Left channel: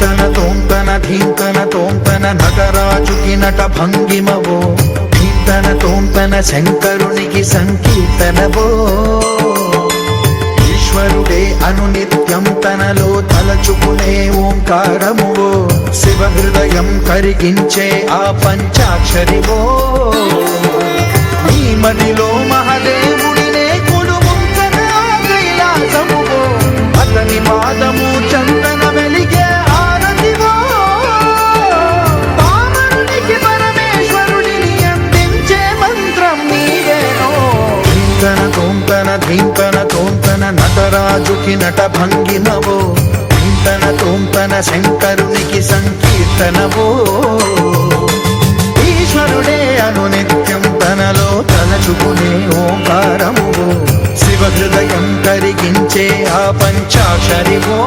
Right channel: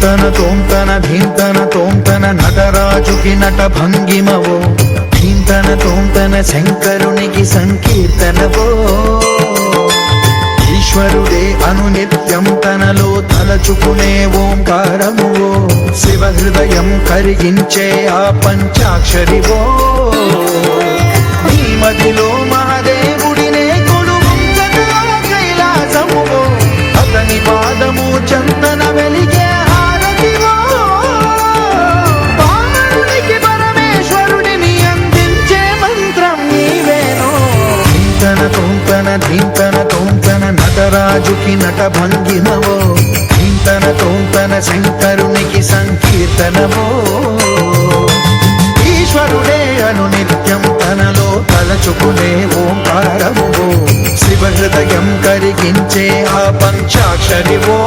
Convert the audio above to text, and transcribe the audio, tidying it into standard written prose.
ధీంతన తోంతన ధీంతన తోంతన నటరాజుకి నట భంగిమవో, ధీంతన తోంతన శంకరునికి సంకీర్తనవో. ఈశ్వరుడే అనునిత్యం తనలో తలచుకునే ఓంకారమువో, శివ హృదయం కరిగించే ఆ పంచాక్షరివో. నీ మదిలో మహాదేవుడినే కొలువుంచగా కైలాసమువో, అతని పాదము చందన వెలిగే హారతివో. పామరునికి పరమేశ్వరుడిని అందించే మంత్రం నీవేనో. ధీంతన తోంతన ధీంతన తోంతన నటరాజుకి నట భంగిమవో, ధీంతన తోంతన శంకరునికి సంకీర్తనవో. ఈశ్వరుడే అనునిత్యం తనలో తలచుకునే ఓంకారమువో, శివ హృదయం కరిగించే ఆ పంచాక్షరివో.